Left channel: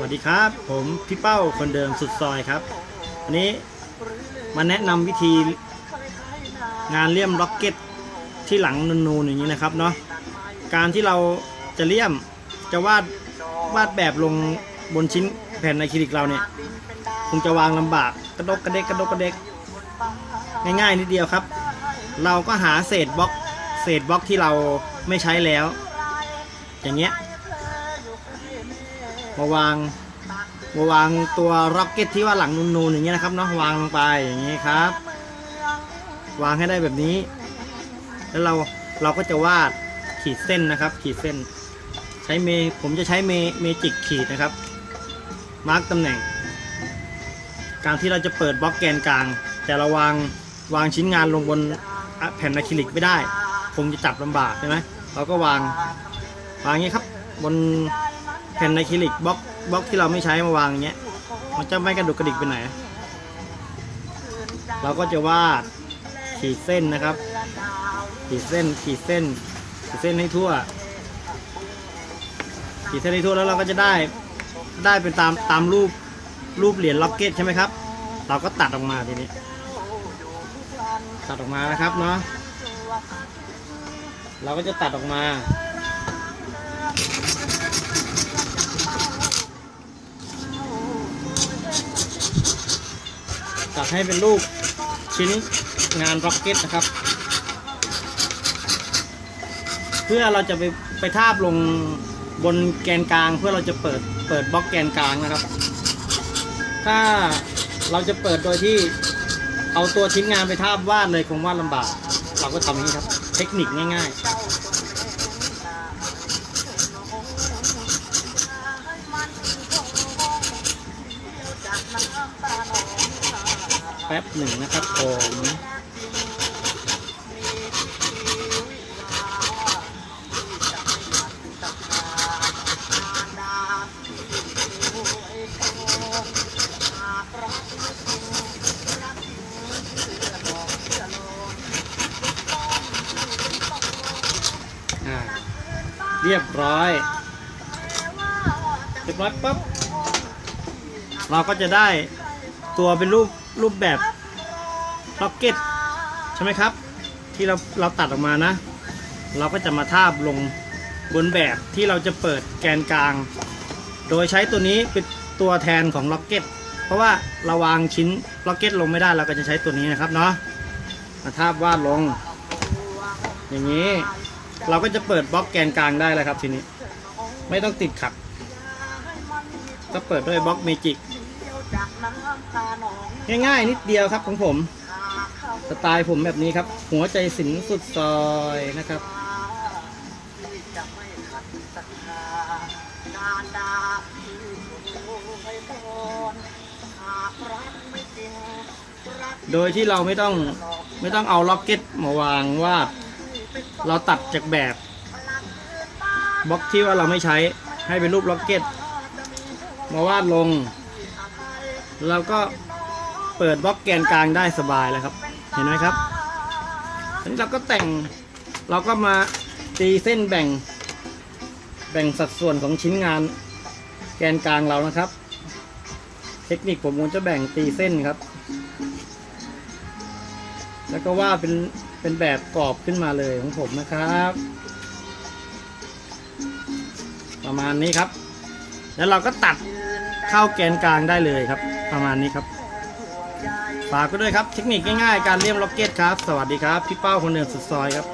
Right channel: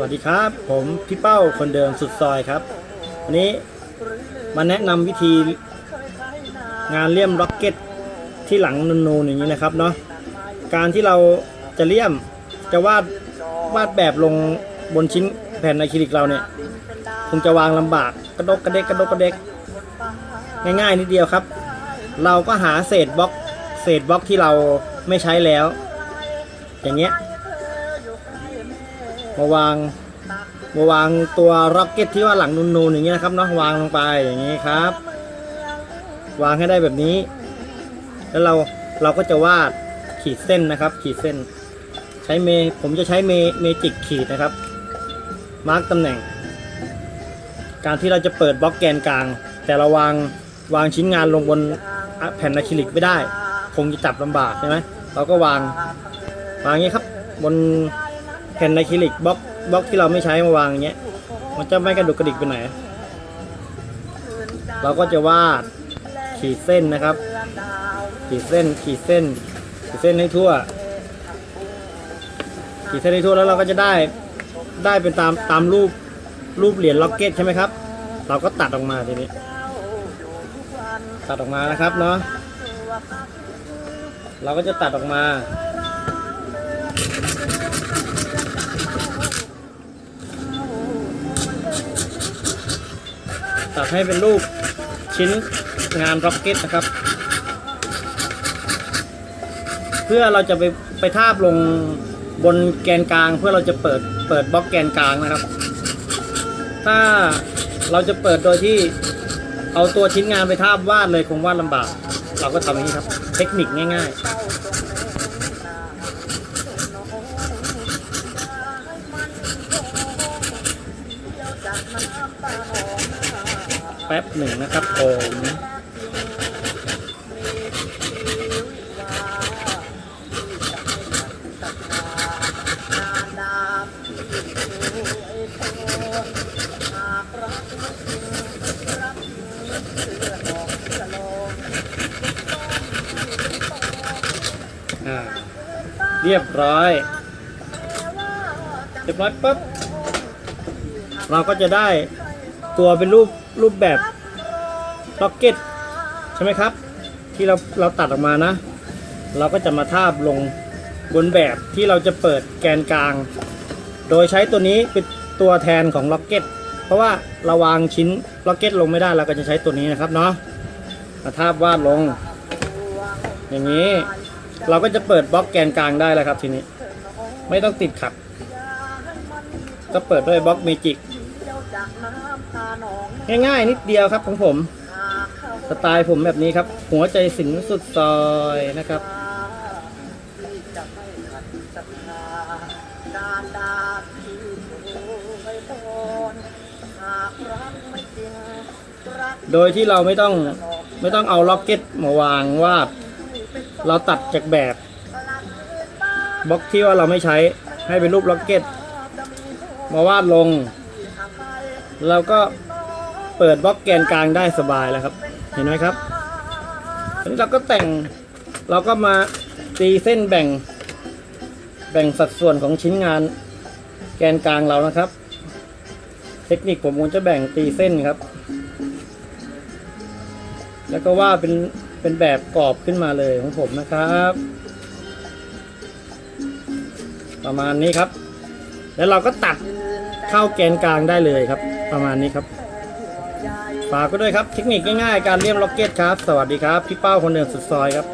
วัสดีครับ ผมพี่เป้าคนเดิมสุดซอยครับอันนี้มาแนะนำวิธีงานเลี่ยมล็อกเก็ตที่หลังนูนๆอย่างนี้นะครับเนาะการที่เราจะเลี่ยมจะวาดวาดแบบลงบนชิ้นแผ่นอะคริลิกเราเนี่ยคงจะวางลำบากกระดกกระเดกกระดกกระเดกง่ายๆนิดเดียวครับ เราก็หาเศษบล็อกเศษบล็อกที่เราไม่ใช้แล้ว อย่างเงี้ย มาวางมาวางตัวร็อกเก็ตที่ว่าหลังนูนๆอย่างเงี้ยนะครับเนาะวางลงไปอย่างนี้ครับ วางให้ได้แบบนี้ แล้วเราเราก็จะวาดขีดเส้นนะครับ ขีดเส้น ใช้เมผมจะใช้เมเมจิกขีดนะครับ มาร์กตำแหน่ง การที่เราจะเปิดบล็อกแกนกลาง แต่เราวางวางชิ้นงานลงบนแผ่นอะคริลิกไม่ได้ คงจะจับลำบากใช่ไหมเราก็วางวางอย่างนี้ครับบน แผ่นอะคริลิกบล็อกบล็อกที่เราไม่ใช้มาวางอย่างเงี้ย มันจะไม่กระดุกกระดิกไปไหน เราก็จะวาดขีดเส้นนะครับ ขีดเส้นขีดเส้น ขีดเส้นให้ทั่ว ขีดเส้นให้ทั่วแล้วเราก็จะได้ได้เป็นตามตามรูปรูปเหรียญล็อกเก็ตใช่ไหมครับ เราก็ตัดออกมาทีนี้ ตัดออกมานะครับเนาะเราก็จะตัดออกมา ตัดให้เป็นรูปชิ้นงานร็อกเก็ตนะครับ เพื่อเราจะไปไปทาบลงบนแกนกลางเพื่อเราจะเปิดเปิดบล็อกแกนกลางนะครับ ถ้าเราจะเปิดโดยที่เอาตัวชิ้นงานไปทาบวาดเลยคงวาดลำบาก เราก็ทำอย่างนี้ครับ เทคนิคง่าย ๆ ป๊บหนึ่งนะครับผมอ่าเรียบร้อยเสร็จวัดปุ๊บเราก็จะได้ตัวเป็นรูป รูปแบบล็อกเก็ตใช่ไหมครับ ที่เราเราตัดออกมานะ เราก็จะมาทาบลงบนแบบที่เราจะเปิดแกนกลาง โดยใช้ตัวนี้เป็นตัวแทนของล็อกเก็ตเพราะว่าเราวางชิ้นล็อกเก็ตลงไม่ได้เราก็จะใช้ตัวนี้นะครับเนาะมาทาบวาดลง อย่างนี้ เราก็จะเปิดบล็อกแกนกลางได้แล้วครับทีนี้ ไม่ต้องติดขัดก็เปิดด้วยบล็อกเมจิก ง่ายๆ นิดเดียวครับของผม สไตล์ผมแบบนี้ครับ หัวใจสินสุดซอยนะครับโดยที่เราไม่ต้องไม่ต้องเอาล็อกเก็ตมาวางวาด เราตัดจากแบบบล็อกที่ว่าเราไม่ใช้ให้เป็นรูปล็อกเก็ต มาวาดลง เราก็เปิดบล็อกแกนกลางได้สบายเลยครับ เห็นไหมครับทีนี้เราก็แต่งเราก็มาตีเส้นแบ่ง แบ่งสัดส่วนของชิ้นงานแกนกลางเรานะครับ เทคนิคผมคงจะแบ่งตีเส้นครับ แล้วก็ว่าดเป็นเป็นแบบกรอบขึ้นมาเลยของผมนะครับ ประมาณนี้ครับ แล้วเราก็ตัด เข้าแกนกลางได้เลยครับ ประมาณนี้ครับฝากก็ด้วยครับ เทคนิคง่ายๆการเลี่ยมล็อกเก็ตครับ สวัสดีครับ พี่เป้าคนเดิมสุดซอยครับ